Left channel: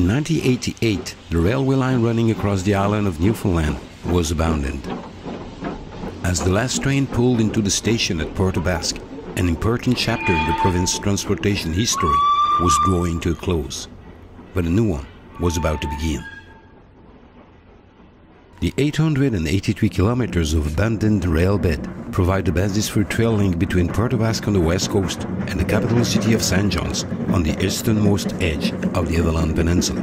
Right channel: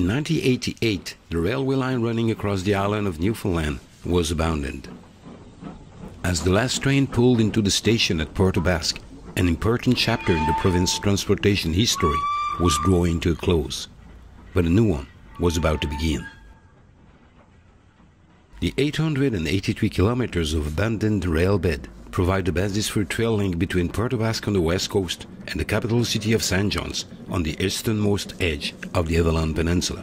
In 1988, the railway line running across the island of Newfoundland was abandoned. As the last train pulled into the station at Port-aux-Basques, an important chapter in the province's transportation history was drawing to a close, but a new one was about to begin. The 883 kilometers of abandoned rail bed provide the basis for a trail link between Port-aux-Basques on the west coast and the capital city of St. John's on the easternmost edge of the Avalon Peninsula.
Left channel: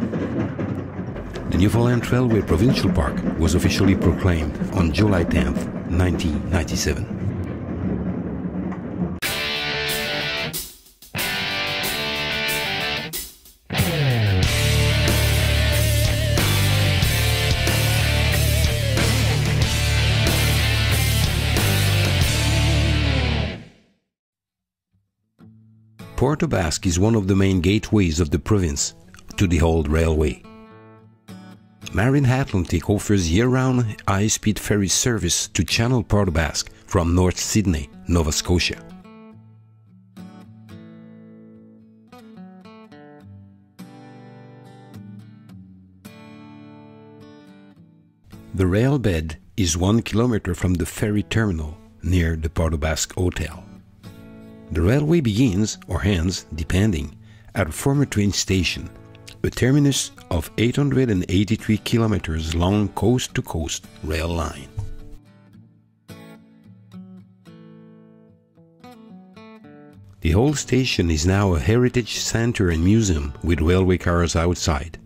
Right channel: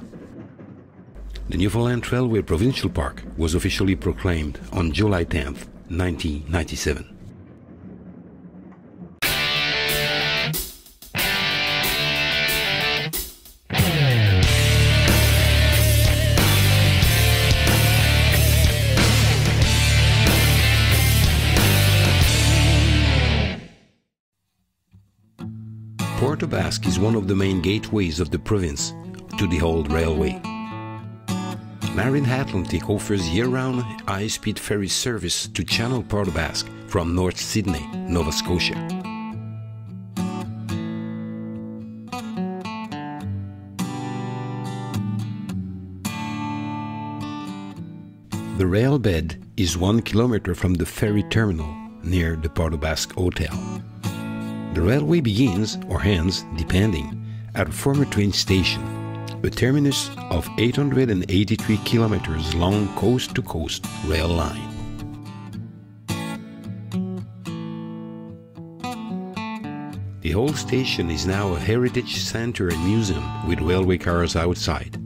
The Newfoundland Trailway Provincial Park was officially proclaimed on July 10, 1997. Port-aux-Basques is one of the main gateways of the province to the old railway. Marine Atlantic offers year-round high-speed ferry service to Channel Port-aux-Basques from North Sydney, Nova Scotia. The rail bed is 1 kilometer from the ferry terminal near the Port-aux-Basques Hotel. The railway begins, or ends, depending, at a former train station, a terminus of 883 kilometers long coast-to-coast rail line. The whole station is now a heritage center and museum with railway cars outside.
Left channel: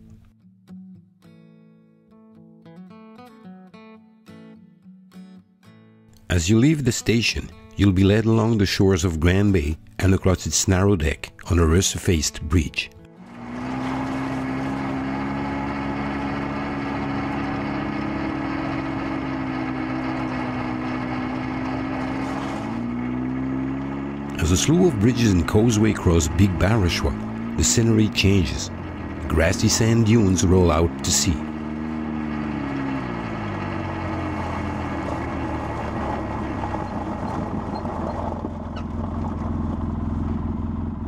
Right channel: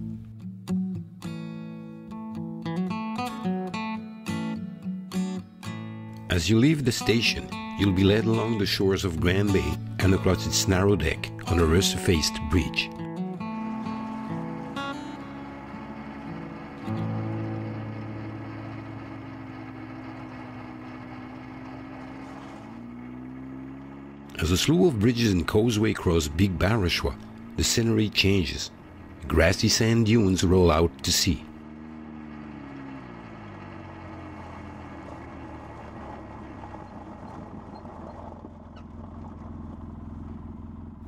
As you leave the station, you'll be led along the shores of Grand Bay and across its narrow deck on a resurfaced bridge. As a slew of bridges and causeway cross Big Barashwa, the scenery changes. Grassy sand dunes roll out to sea.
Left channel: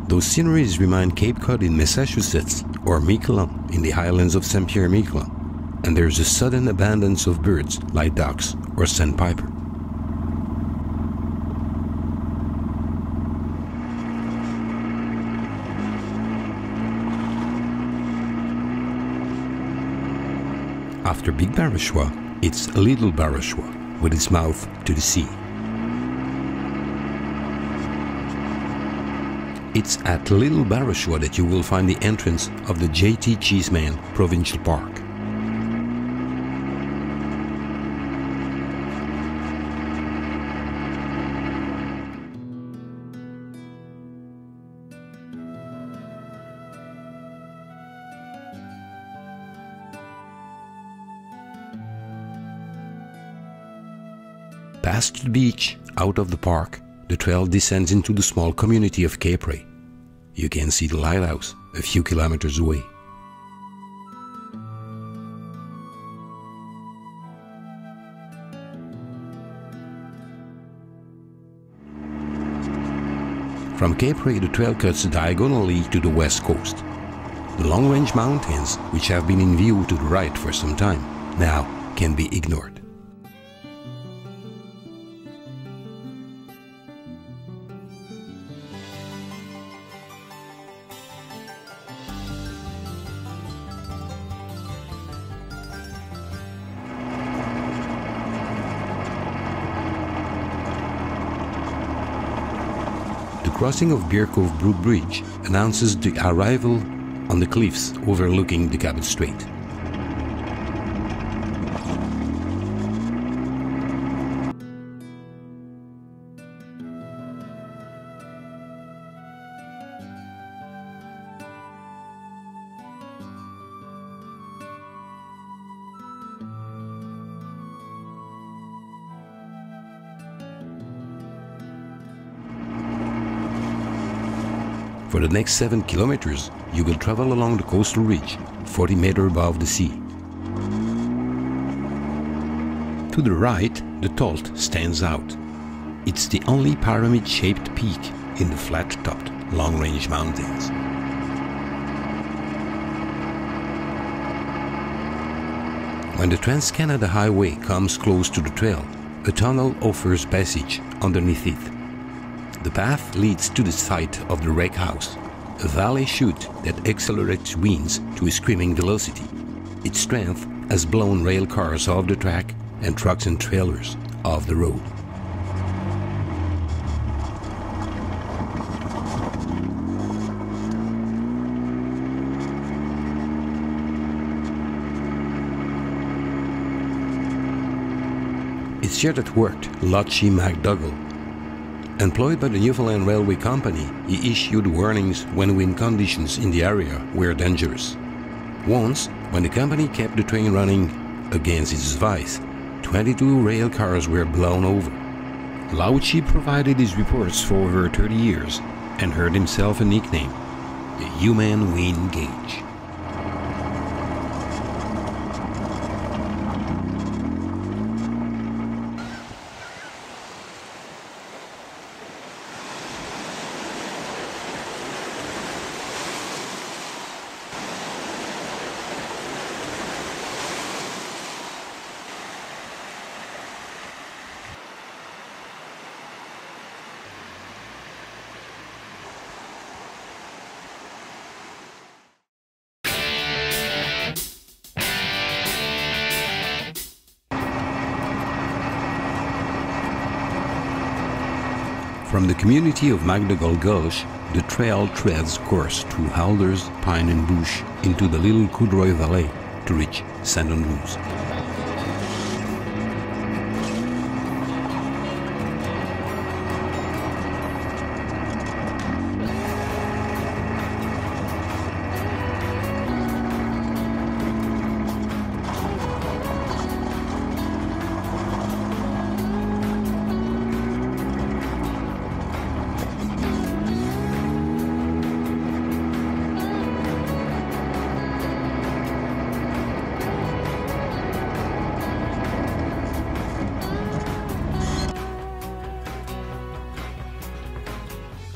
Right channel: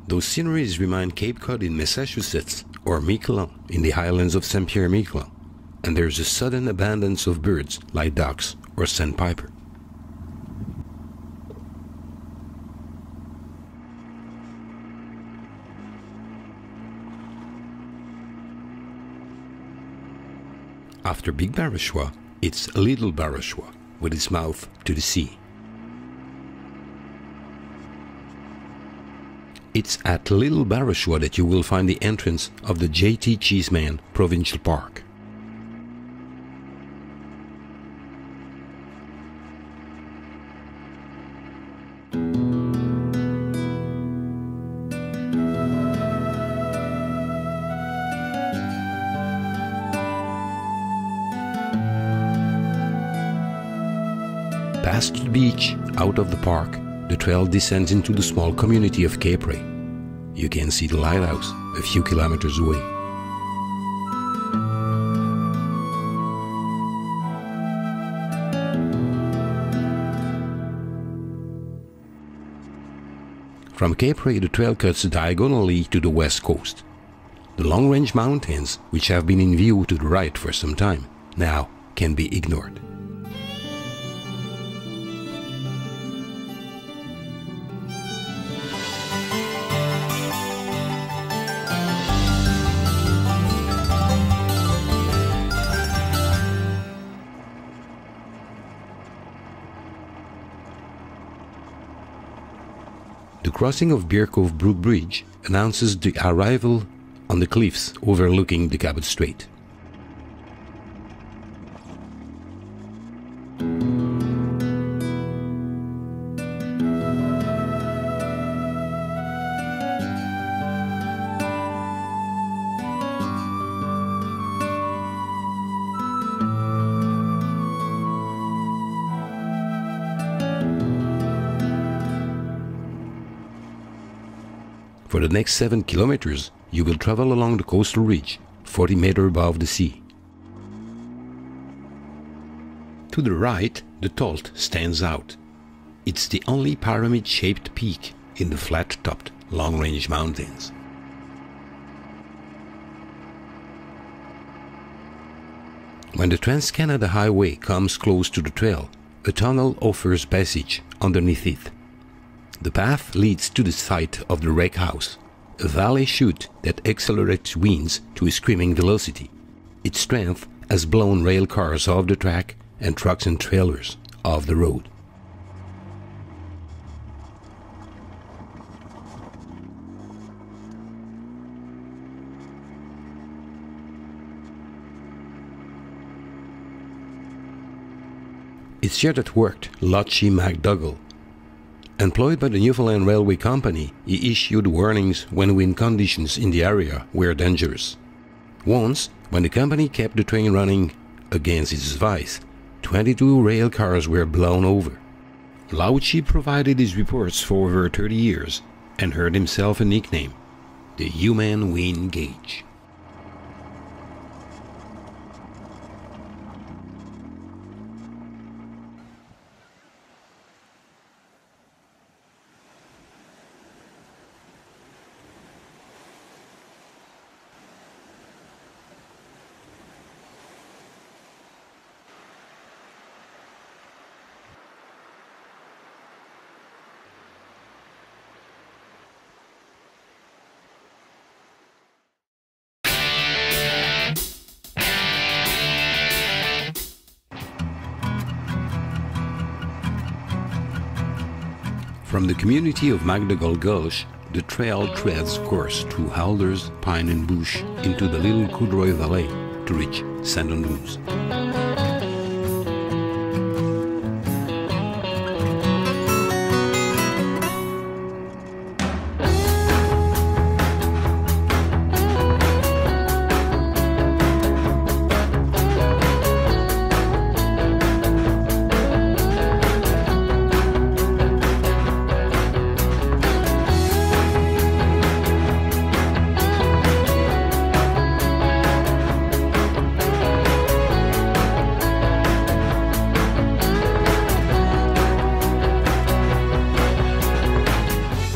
Those sceneries remind Cape Cod in Massachusetts or Miquelon in the highlands of St. Pierre-Miquelon, and there's a sudden abundance of birds like ducks or sandpiper. After Big Barashwa, it's Little Barashwa with its mouth to the sea. It's at Little Barashwa that you will find the entrance of the J.T. Cheeseman Provincial Park. Past the beach, out of the park, the trail descends into the small community of Cape Ray. You can see the lighthouse a few kilometers away. From Cape Ray, the trail cuts diagonally to the west coast. The long-range mountains, which have been in view to the right for some time, now can be ignored. The crossing of Beer Cove Brook Bridge announces the arrival on the cliffs overlooking the Cabot Strait. For the next 7 kilometers, you will travel along the coastal ridge, 40 meters above the sea. To the right, the Tolt stands out. It's the only pyramid-shaped peak in the flat-topped, long-range mountains. When the Trans-Canada Highway comes close to the trail, a tunnel offers passage underneath it. The path leads to the site of the wreck house, a valley chute that accelerates winds to a screaming velocity. Its strength has blown rail cars off the track and trucks and trailers off the road. It's here that worked Lotchie McDougall. Employed by the Newfoundland Railway Company, he issued warnings when wind conditions in the area were dangerous. Once, when the company kept the train running against its advice, 22 rail cars were blown over. Lotchie provided his reports for over 30 years and earned himself a nickname, the Human Wind Gauge. From the community of McDougall Gulch, the trail treads course through alders, pine and bush into the Little Coudroy Valley to reach St. Andrews.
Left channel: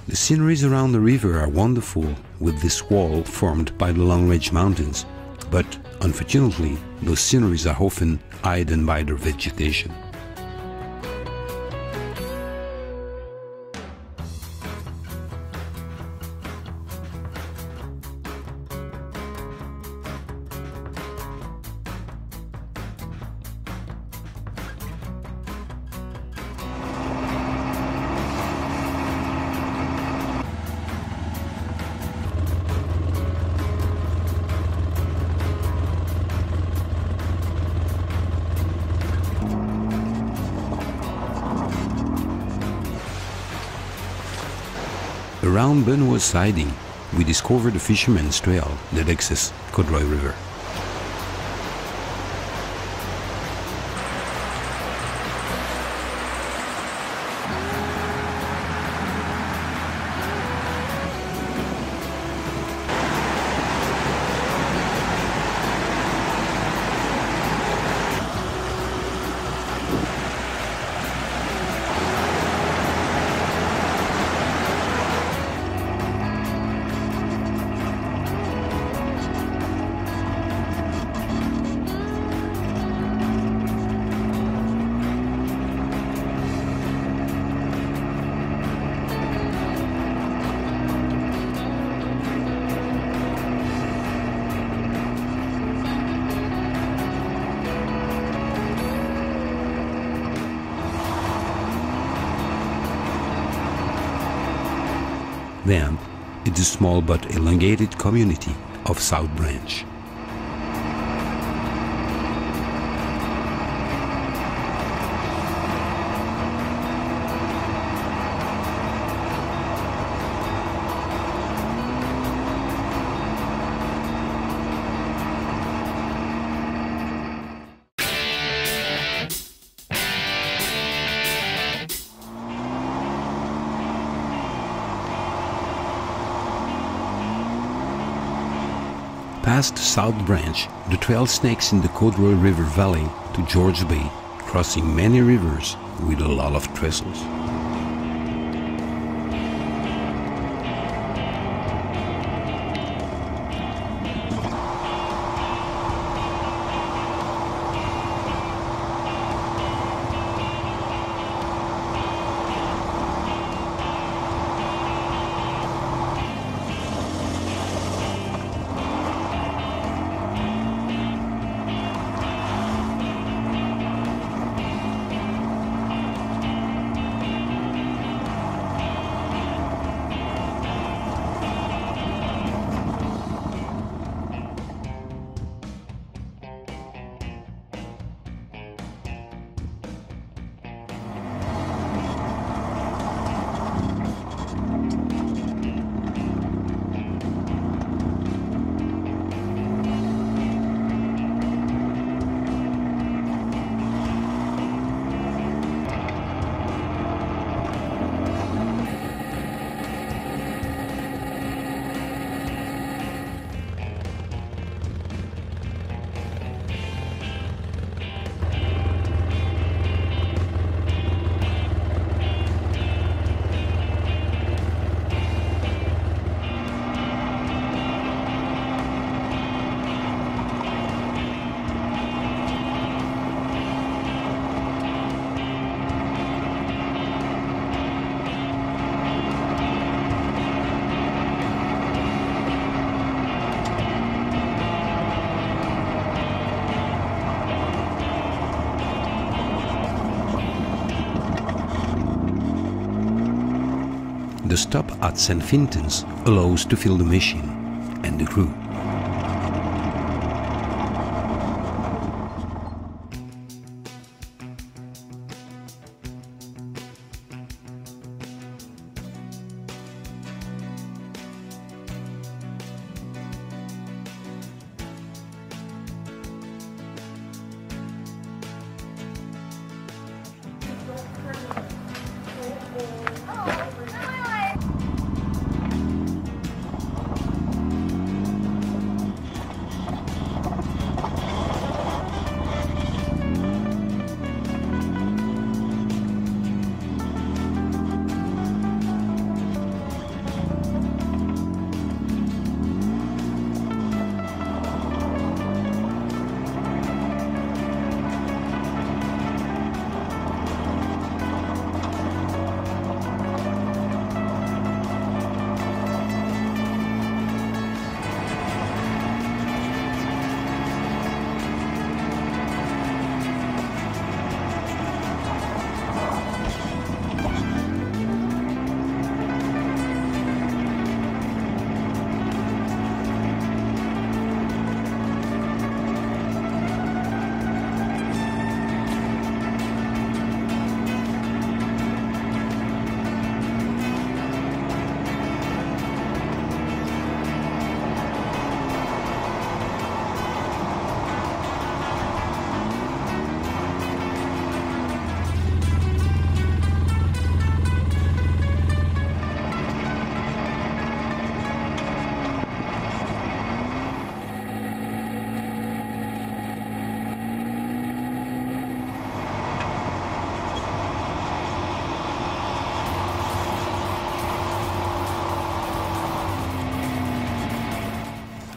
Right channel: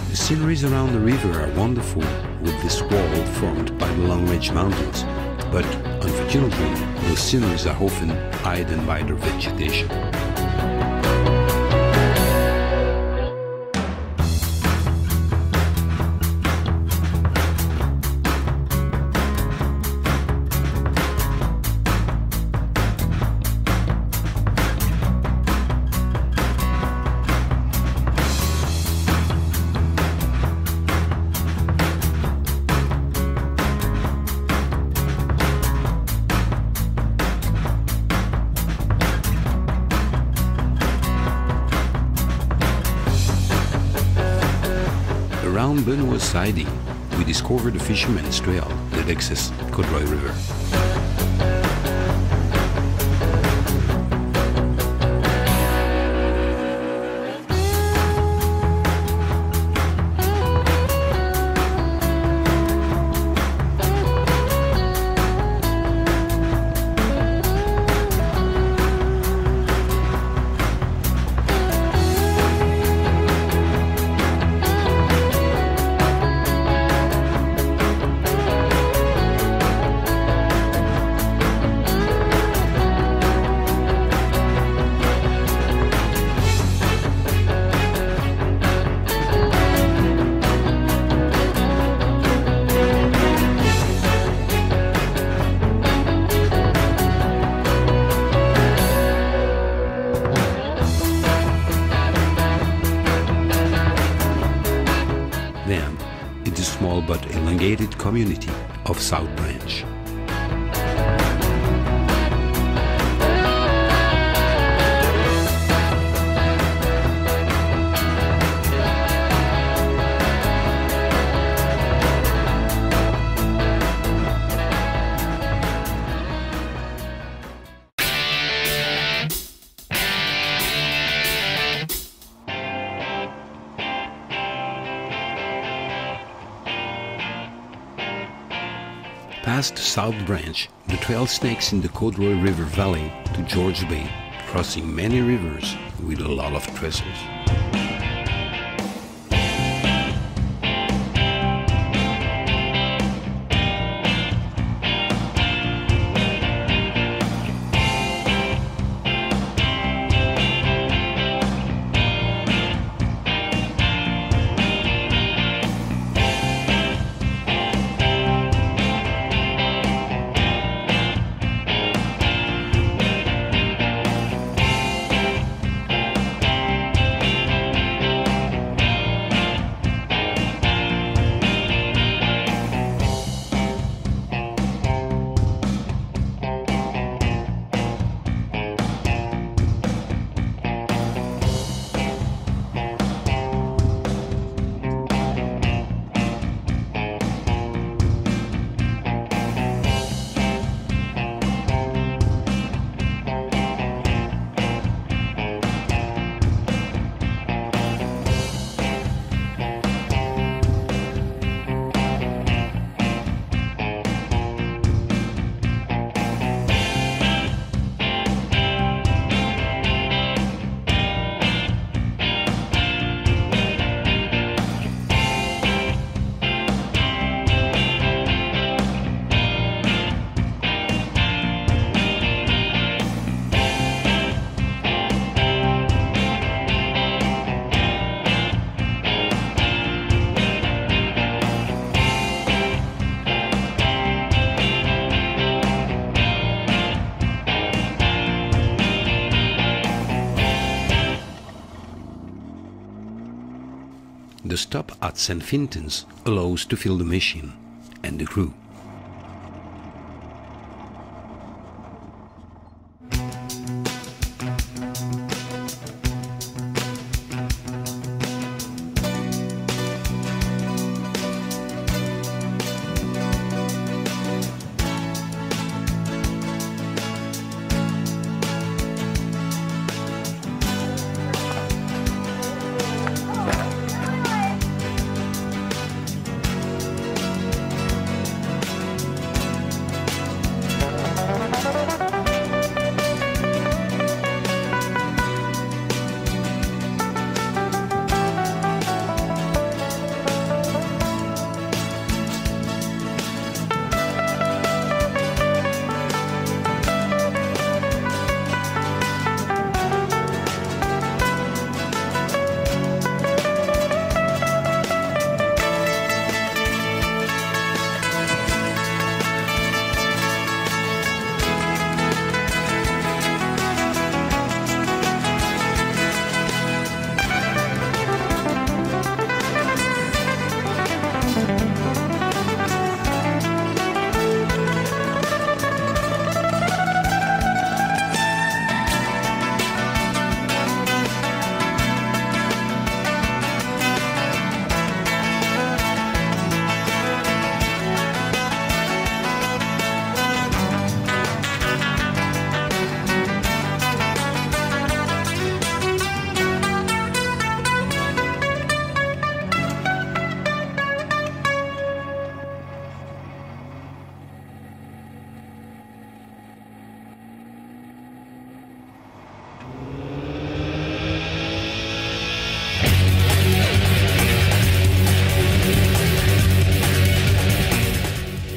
The sceneries around the river are wonderful, with this wall formed by the Long Ridge Mountains, but unfortunately, those sceneries are often hidden by their vegetation. Around Benoit's Siding, we discovered a fisherman's trail that accesses Coudroy River. Then, it's a small but elongated community of South Branch. Past South Branch, the trail snakes in the Coudroy River Valley to George Bay, crossing many rivers with a lot of trestles. The stop at St. Fintan's allows to fill the machine and the crew.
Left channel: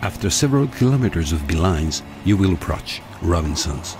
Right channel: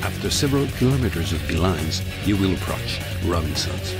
After several kilometers of beelines, you will approach Robinson's.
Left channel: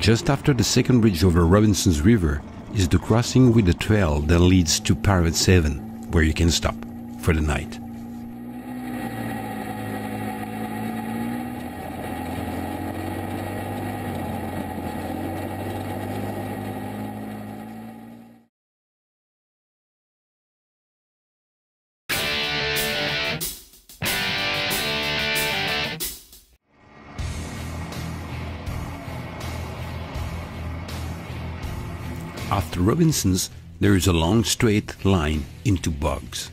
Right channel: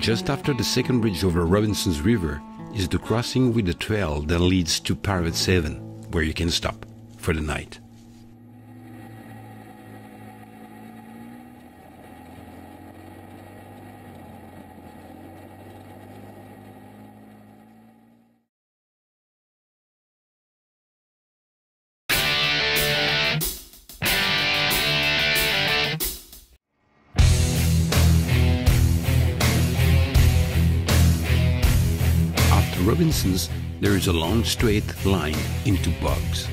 Just after the second bridge over Robinson's River is the crossing with the trail that leads to Parrot 7, where you can stop for the night. After Robinson's, there is a long straight line into bogs.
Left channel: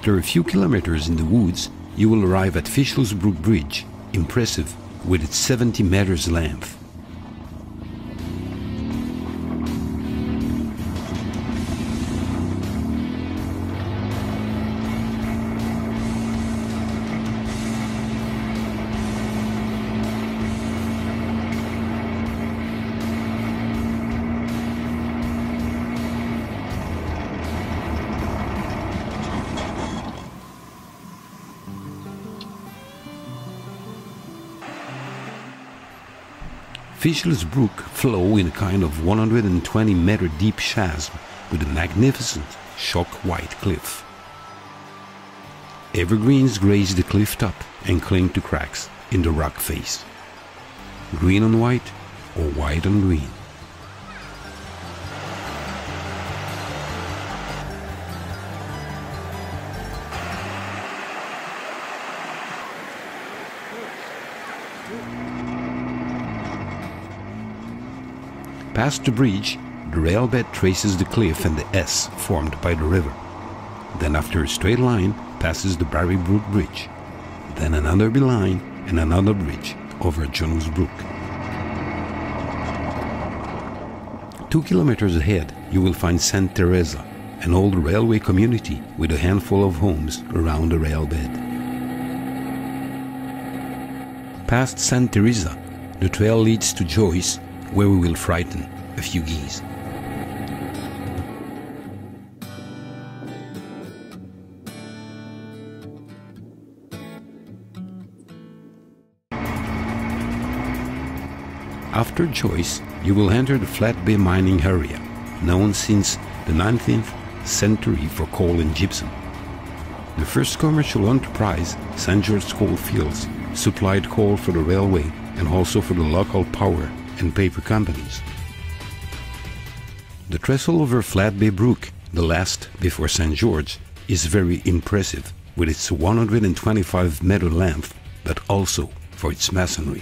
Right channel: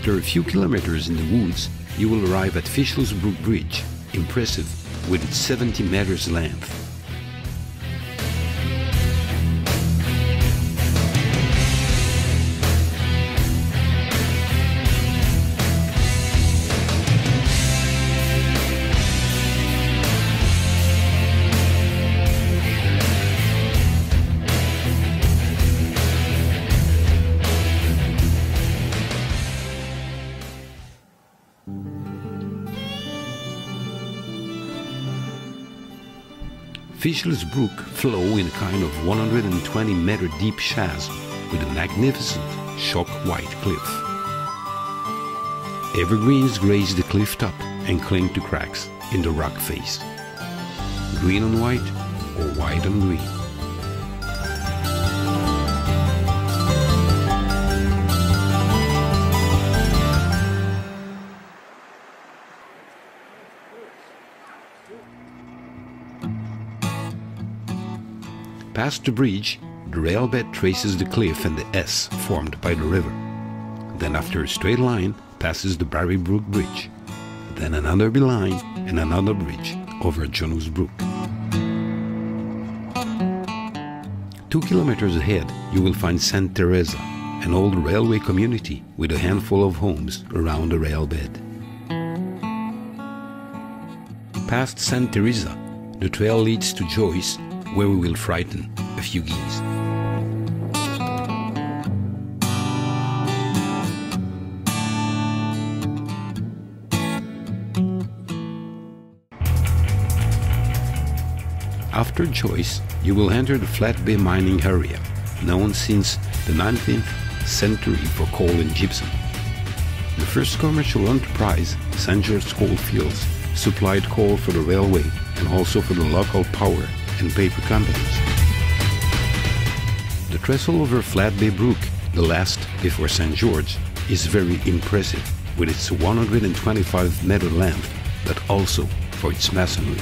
After a few kilometers in the woods, you will arrive at Fishel's Brook Bridge, impressive with its 70 meters length. Fishel's Brook flow in a kind of 120-meter deep chasm with a magnificent chalk-white cliff. Evergreens graze the cliff top and cling to cracks in the rock face. Green on white or white on green. Past the bridge, the rail bed traces the cliff and the S formed by the river. Then after a straight line, passes the Barry Brook Bridge. Then another beeline and another bridge over Jones Brook. 2 kilometers ahead, you will find St. Teresa, an old railway community with a handful of homes around the rail bed. Past St. Teresa, the trail leads to Joyce, where we will frighten a few geese. After Joyce, you will enter the Flat Bay mining area, known since the 19th century for coal and gypsum. The first commercial enterprise, St. George Coal Fields, supplied coal for the railway and also for the local power and paper companies. The trestle over Flat Bay Brook, the last before St. George, is very impressive with its 125-meter length, but also for its masonry.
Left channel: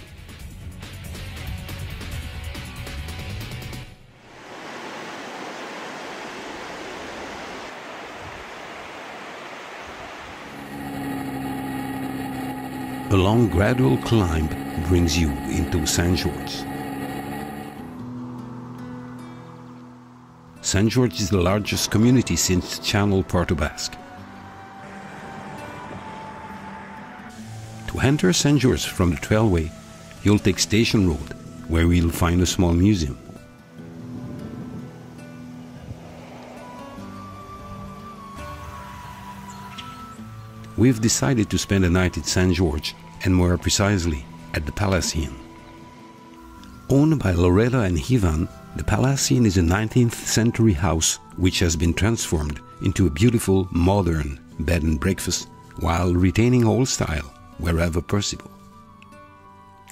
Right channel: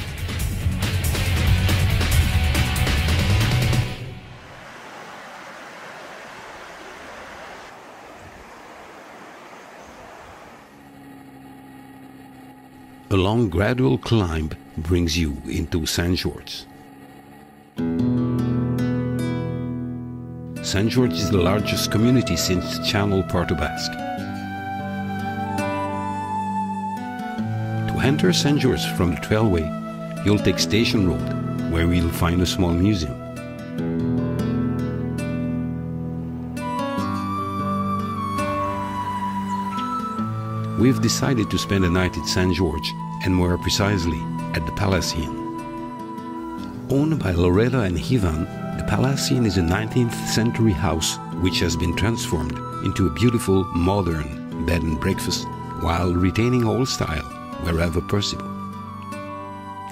A long gradual climb brings you into St. George. St. George is the largest community since Channel Port-aux-Basques. To enter St. George from the Trailway, you'll take Station Road, where you'll find a small museum. We've decided to spend a night at St. George, and more precisely at the Palace Inn. Owned by Loretta and Ivan, the Palace Inn is a 19th century house which has been transformed into a beautiful modern bed and breakfast while retaining old style wherever possible.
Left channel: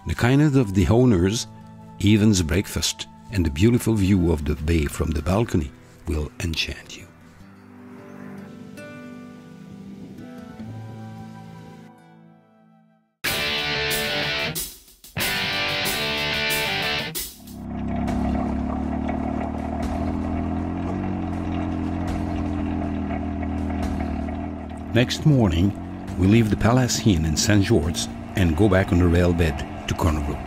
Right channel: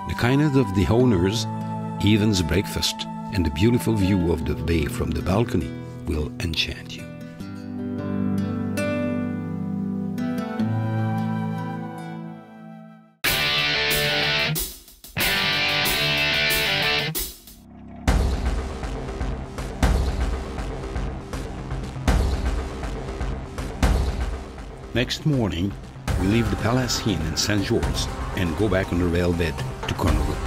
The kindness of the owners, Ivan's breakfast, and the beautiful view of the bay from the balcony will enchant you. Next morning, we leave the Palace Inn in St. George and go back on the rail bed to Corner Brook.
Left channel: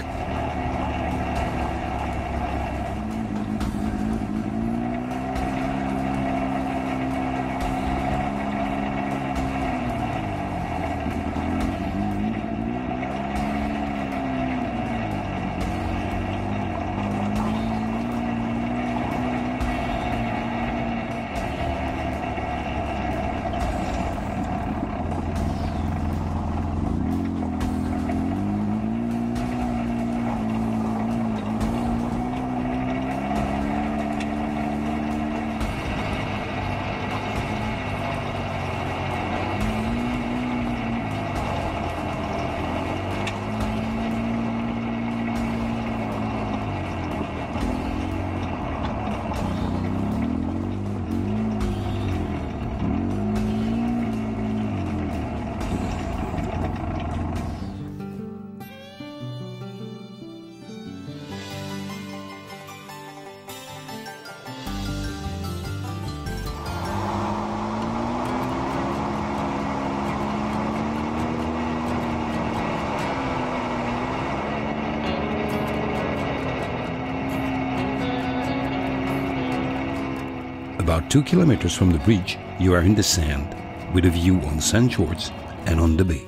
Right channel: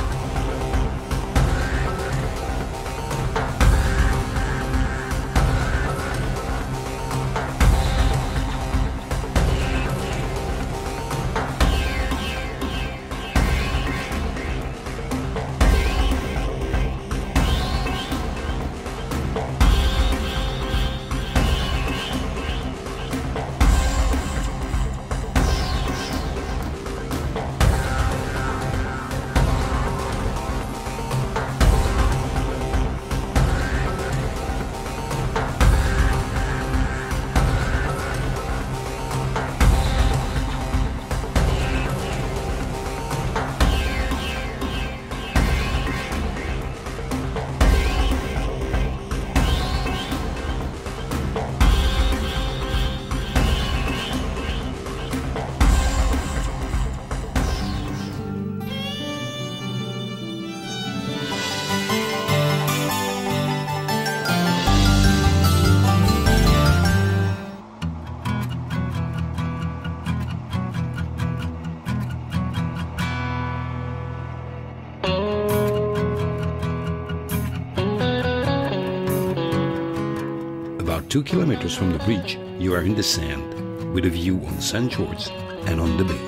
About 2 kilometers from the bridge, you are in the sand, with a view on the sand shores and on the bay.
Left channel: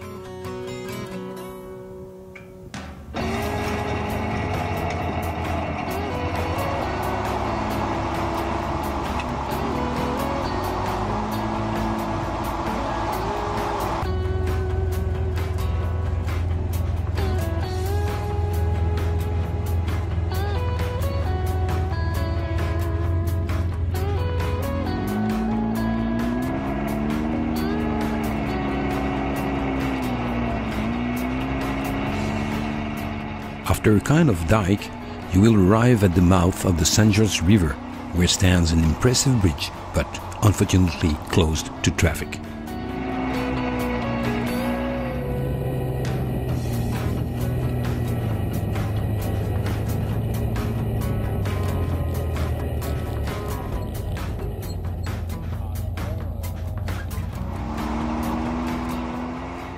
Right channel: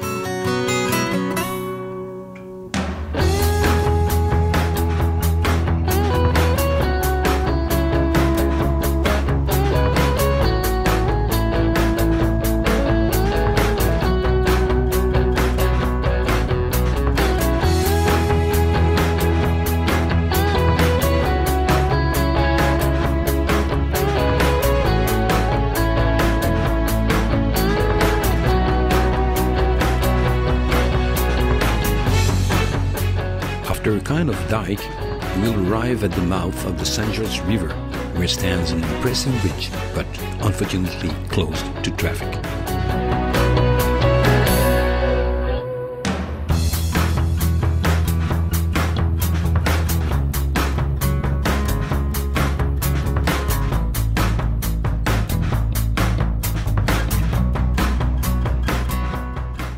After a kind of dike, you will arrive at the mouth of the St. George River, where stands an impressive bridge, but unfortunately closed to traffic.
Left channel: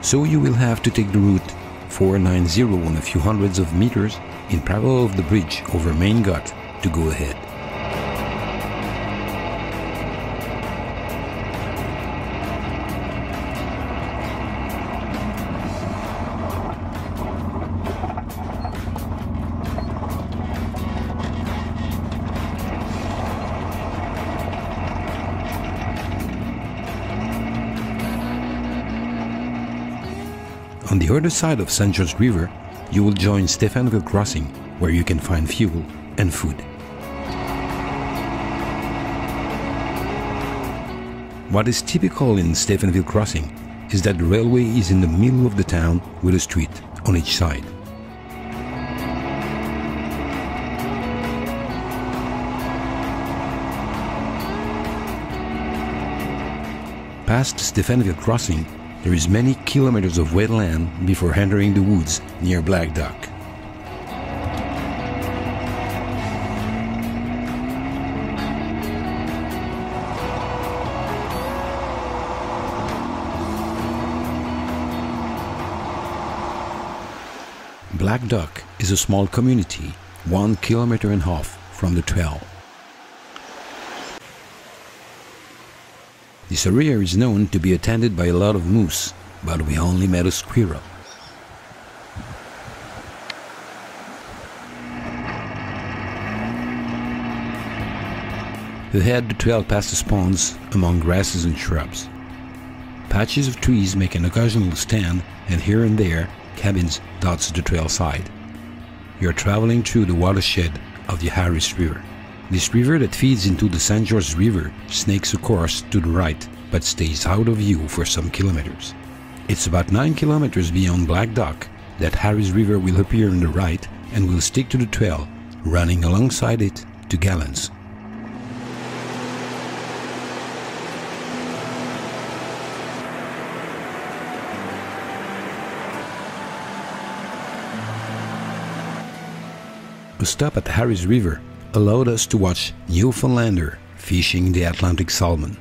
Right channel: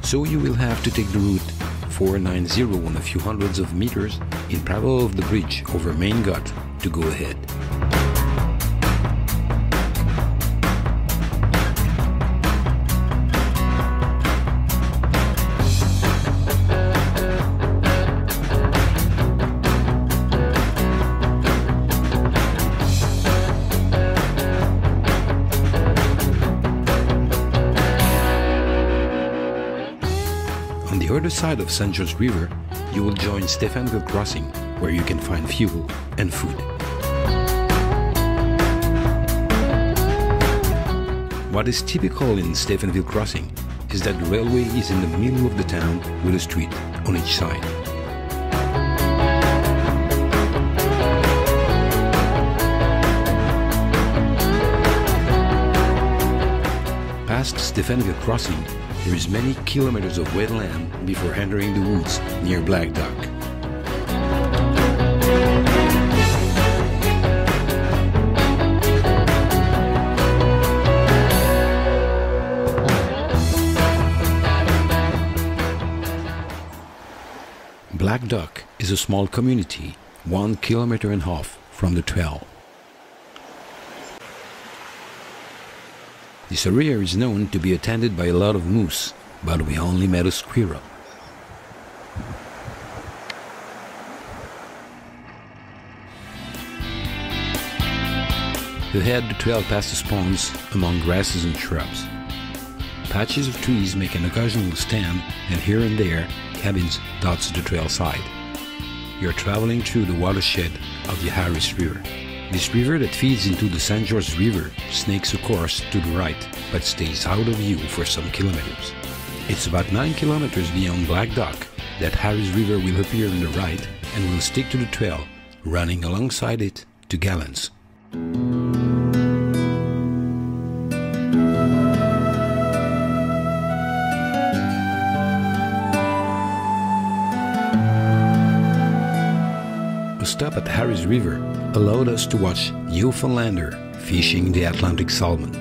So you will have to take the route 490 on a few hundreds of meters in parallel of the bridge over Main Gut to go ahead. On the other side of St. George River, you will join Stephenville Crossing, where you can find fuel and food. What is typical in Stephenville Crossing is that the railway is in the middle of the town with a street on each side. Past Stephenville Crossing, there is many kilometers of wetland before entering the woods near Black Duck. Black Duck is a small community 1.5 kilometers from the trail. This area is known to be attended by a lot of moose, but we only met a squirrel. Ahead, the trail passes ponds among grasses and shrubs. Patches of trees make an occasional stand, and here and there, cabins dots the trail side. You're traveling through the watershed of the Harris River. This river that feeds into the St. George River snakes a course to the right, but stays out of view for some kilometers. It's about 9 kilometers beyond Black Duck that Harris River will appear on the right and will stick to the trail, running alongside it to Gallants. A stop at Harris River allowed us to watch Newfoundlander fishing the Atlantic salmon.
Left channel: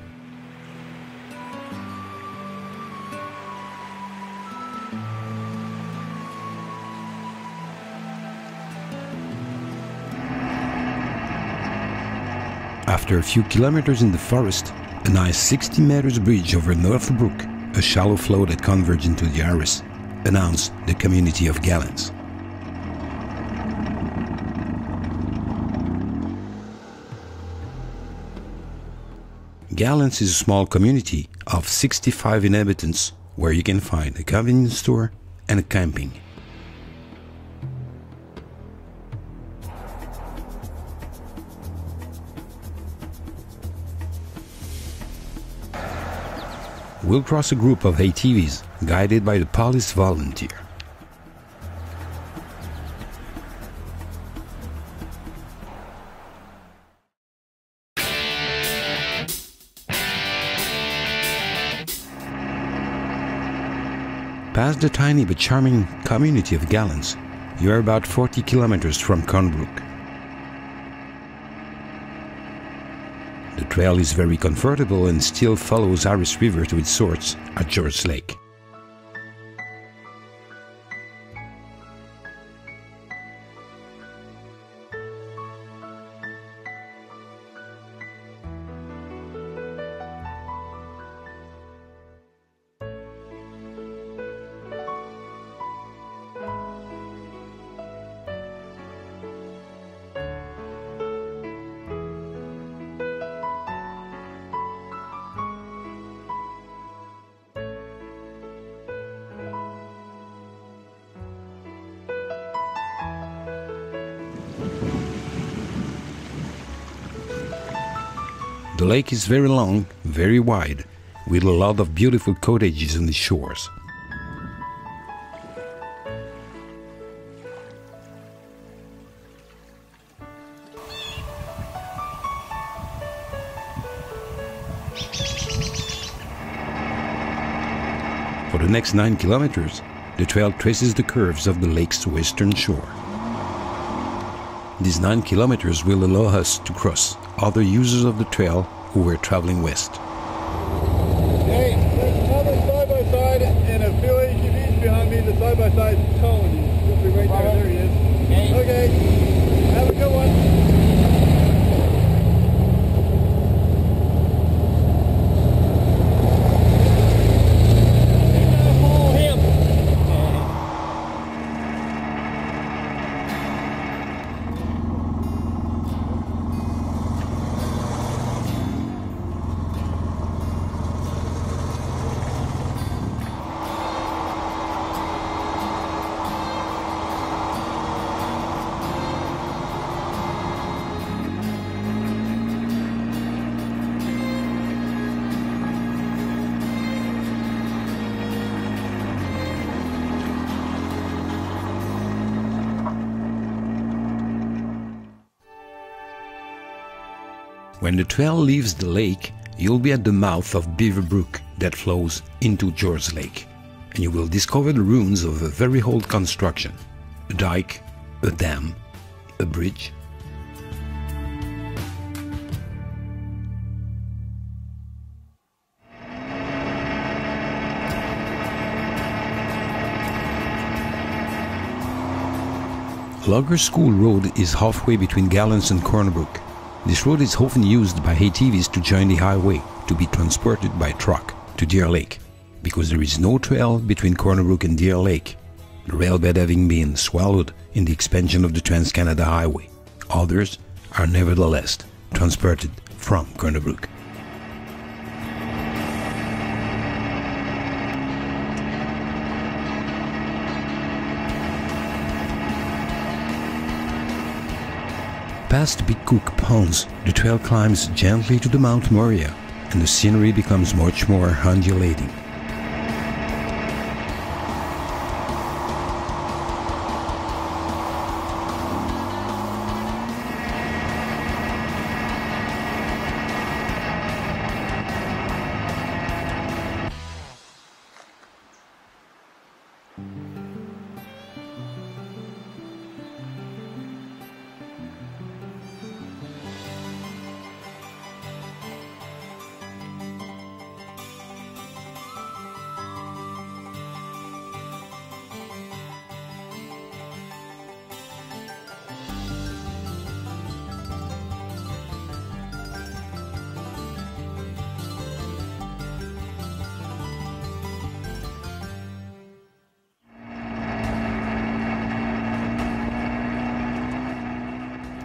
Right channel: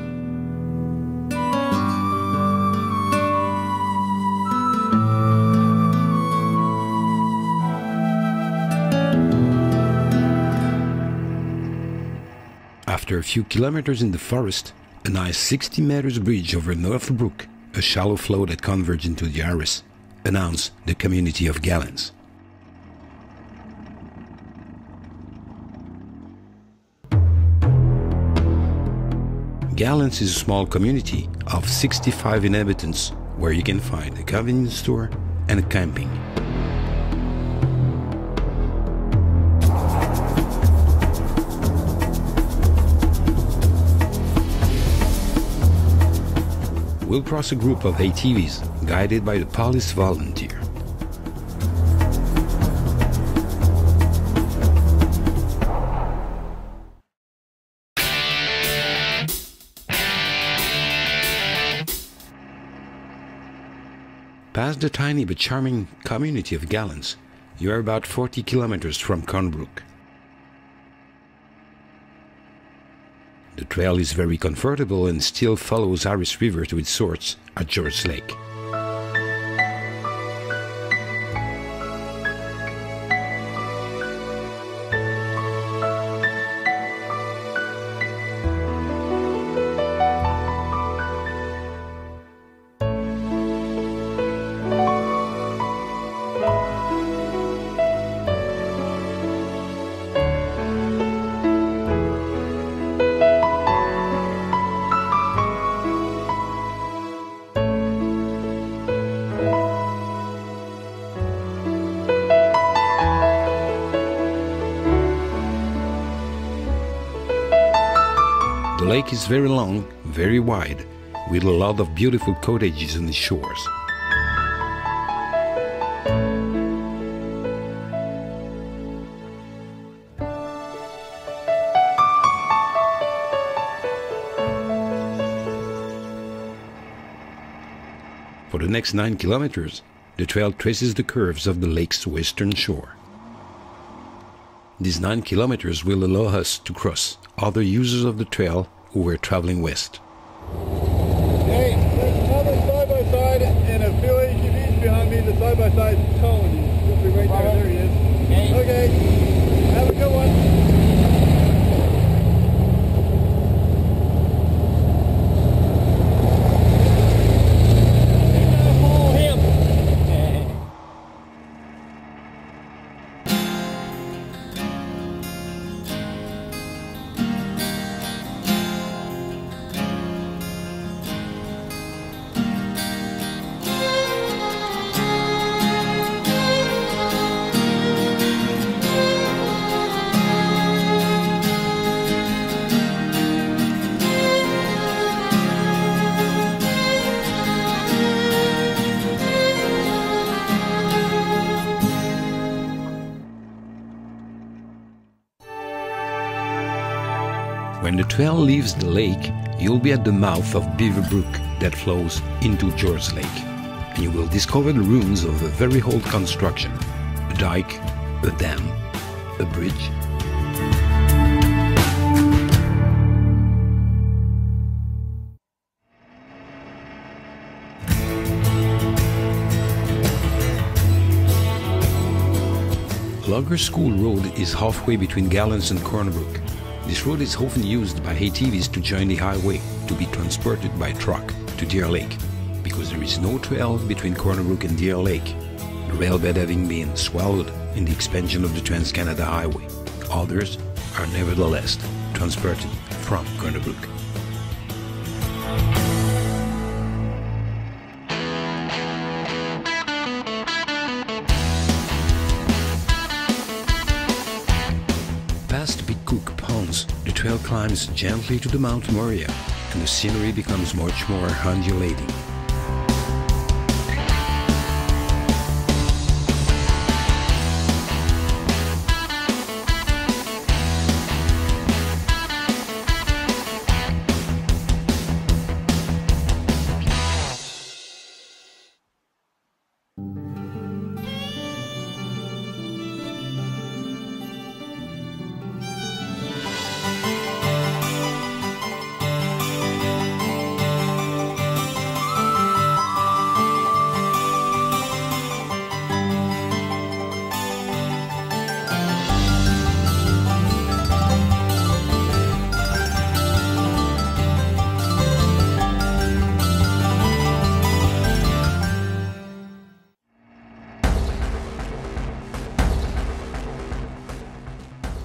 After a few kilometers in the forest, a nice 60 meters bridge over North Brook, a shallow flow that converges into the Harris, announced the community of Gallants. Gallants is a small community of 65 inhabitants where you can find a convenience store and a camping. We'll cross a group of ATVs guided by the police volunteer. Past the tiny but charming community of Gallants, you are about 40 kilometers from Corner Brook. The trail is very comfortable and still follows Harris River to its source at George Lake. The lake is very long, very wide, with a lot of beautiful cottages on the shores. For the next 9 kilometers, the trail traces the curves of the lake's western shore. These 9 kilometers will allow us to cross other users of the trail who were traveling west. Hey, there's another side-by-side and a few ATVs behind me. The side-by-side is towing you. He'll be right there. There he is. Hey. Okay, have a good one. When the trail leaves the lake, you'll be at the mouth of Beaver Brook that flows into George Lake, and you will discover the ruins of a very old construction, a dike, a dam, a bridge. Logger School Road is halfway between Gallants and Corner Brook. This road is often used by ATVs to join the highway to be transported by truck to Deer Lake, because there is no trail between Corner Brook and Deer Lake, the railbed having been swallowed in the expansion of the Trans-Canada Highway. Others are nevertheless transported from Corner Brook. Past Big Cook Ponds, the trail climbs gently to the Mount Moria, and the scenery becomes much more undulating.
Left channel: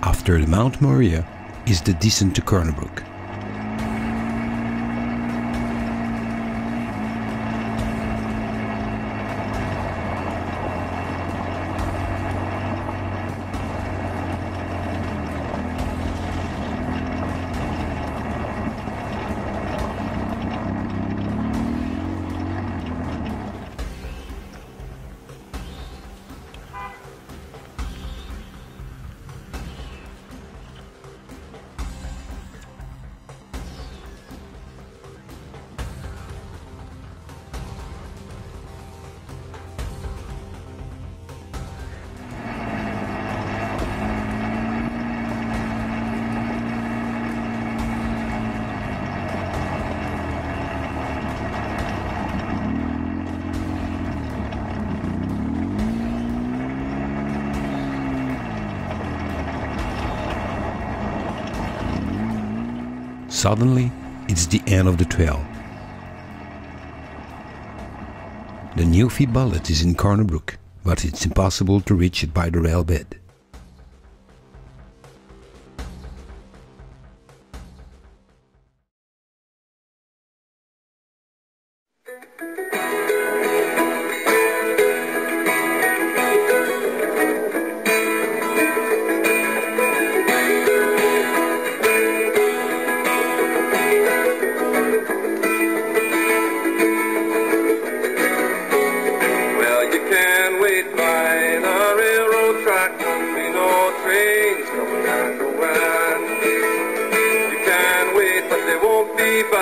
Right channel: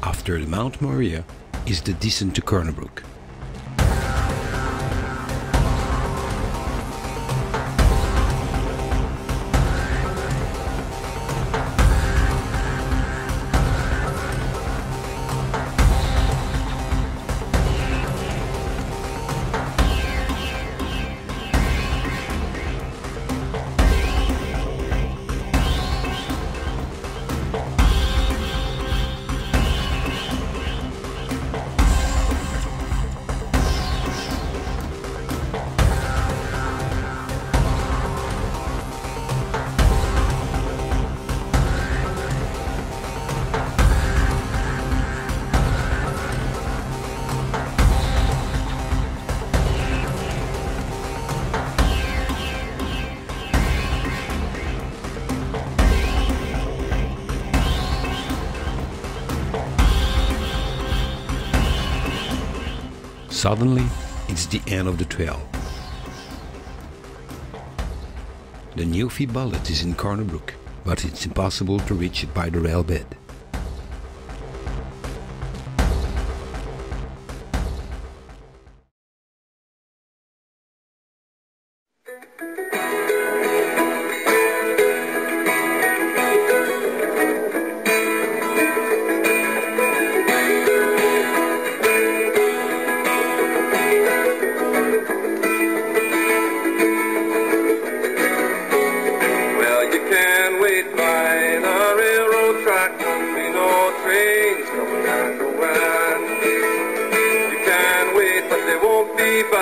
After the Mount Moria is the descent to Corner Brook. Suddenly, it's the end of the trail. The Newfie bullet is in Corner Brook, but it's impossible to reach it by the rail bed.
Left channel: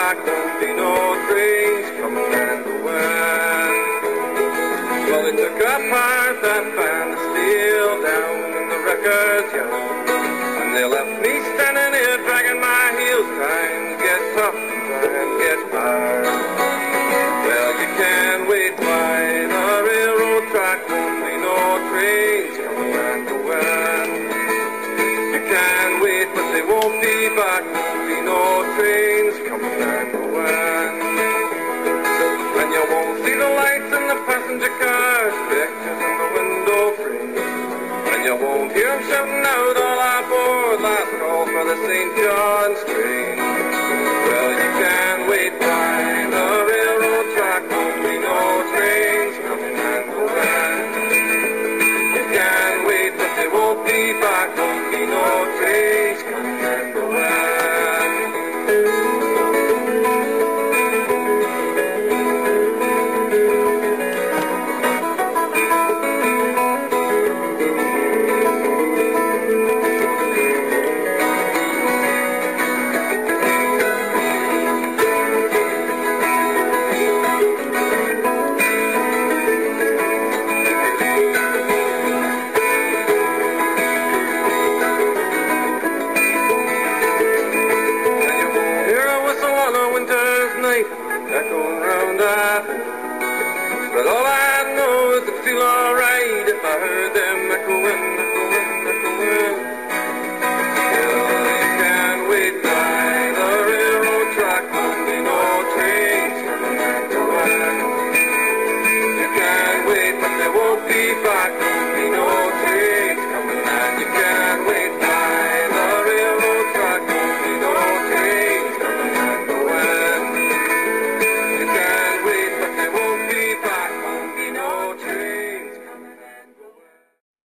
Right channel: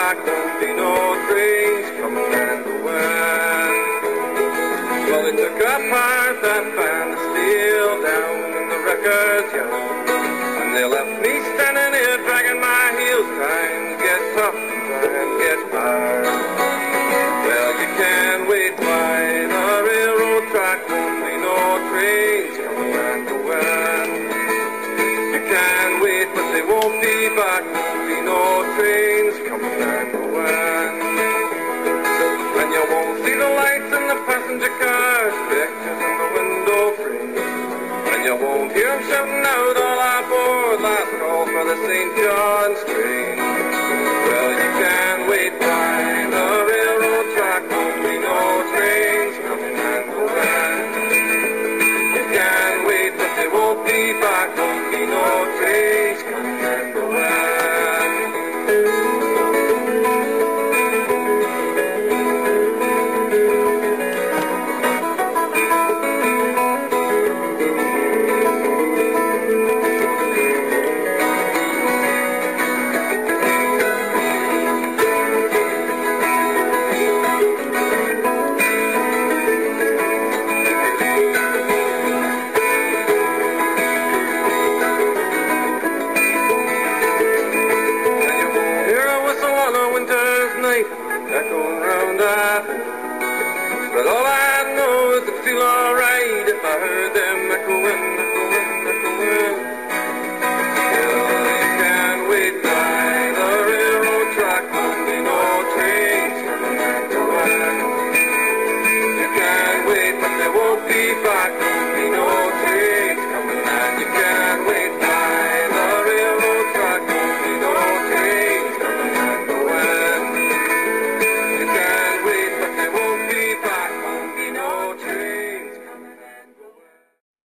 back, won't be no trains coming and going. Well, they took apart that band of steel down in the wrecker's yard, and they left me standing here dragging my heels, trying to get tough and get hard. Well, you can't wait by the railroad track, won't be no trains coming and going. You can't wait, but they won't be back, won't be no trains coming and going. And you won't see the lights in the passenger cars, pictures in the window frame. And you won't hear them shouting out all aboard, last call for the St. John's train. Well, you can't wait by the railroad track, won't be no trains coming and going. You can't wait, but they won't be back, won't be no trains coming and going. Echoing round our house. But all I know is it'd feel alright if I heard them echoing, echoing, echoing.